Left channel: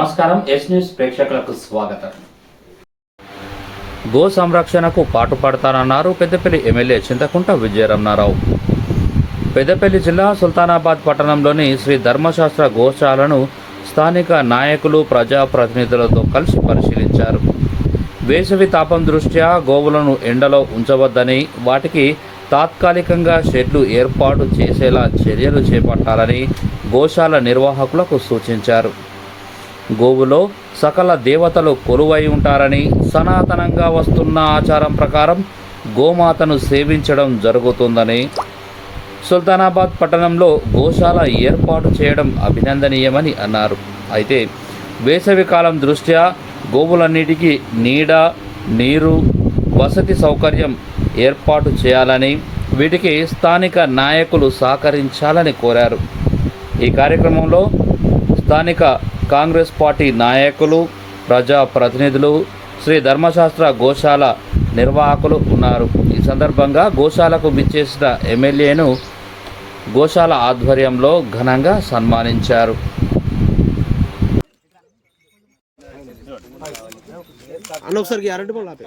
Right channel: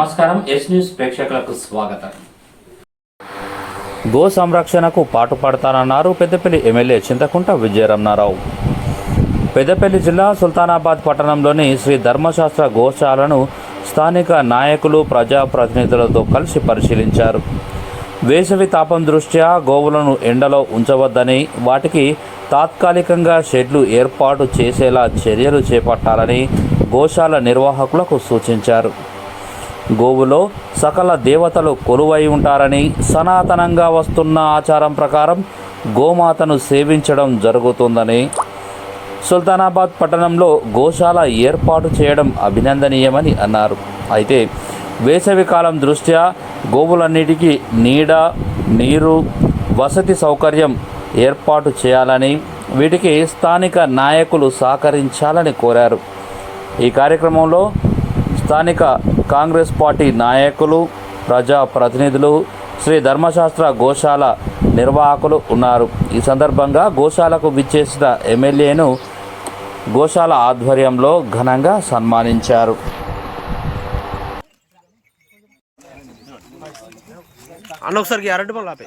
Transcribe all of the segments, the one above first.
నమస్కారం yes news ప్రేక్షకులకు స్వాగతం. గో సంరక్షణకు పాటుపడతానన్నారు పెద్దపల్లి ఎమ్మెల్యే చింతకుంట విజయరమణారావు. పెద్దపల్లి జిల్లా సుల్తానాబాద్ పట్టణంలోని శ్రీ ధర్మశాస్త్ర గోశాలను స్థానిక నాయకులు ప్రజాప్రతినిధులతో కలిసి పరిశీలించారు. వేసవి తాపం దృష్ట్యా గోవులను ఎండలో ఉంచవద్దని వాటికి తాత్కాలికంగా షెడ్లు ఏర్పాటు చేసేలా చర్యలు చేపట్టాలని గోశాల నిర్వాహకులకు సూచించారు. గోవులో సకల దేవతలు కొలువై ఉంటారని సనాతనంగా వస్తున్న ఆచారం ప్రకారం గోమాతను సేవించడం జరుగుతుందని సుల్తానాబాద్ పట్టణంలో గోశాల ఏర్పాటు చేయడం అభినందనీయమని అన్నారు. అయితే వేసవికాలం దృష్ట్యా గోవులన్నిటికీ నీడ నీరు వసతి సౌకర్యం ఏర్పాటు చేయాలని వీటికి స్థానిక నాయకులు సహకరించాలని కోరారు. ఈ కార్యక్రమంలో స్థానిక కాంగ్రెస్ పార్టీ నాయకులు ప్రజా ప్రతినిధులు శ్రీ ధర్మశాస్త్ర గోశాల నిర్వాహకులు ఉన్నారు. ఈ సందర్భంగా గోశాలకు విచ్చేసిన ఎమ్మెల్యేను గోశాల ఆధ్వర్యంలో ఘనంగా సన్మానించారు. అరటి పళ్ళు ఆపే.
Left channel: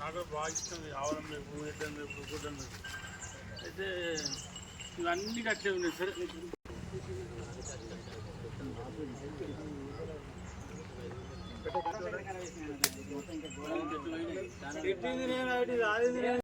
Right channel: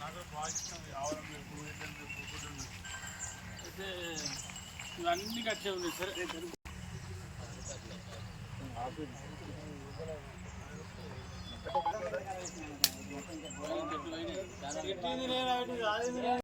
నాకు బాగా ఇష్టం ఈ ఆవరం లేపు ఎడ్డం లేపు గుడ్డం అయితే ఇవన్నీ కట్టే ఉన్నాయి సరే పెట్టింది నేను అటు నేను.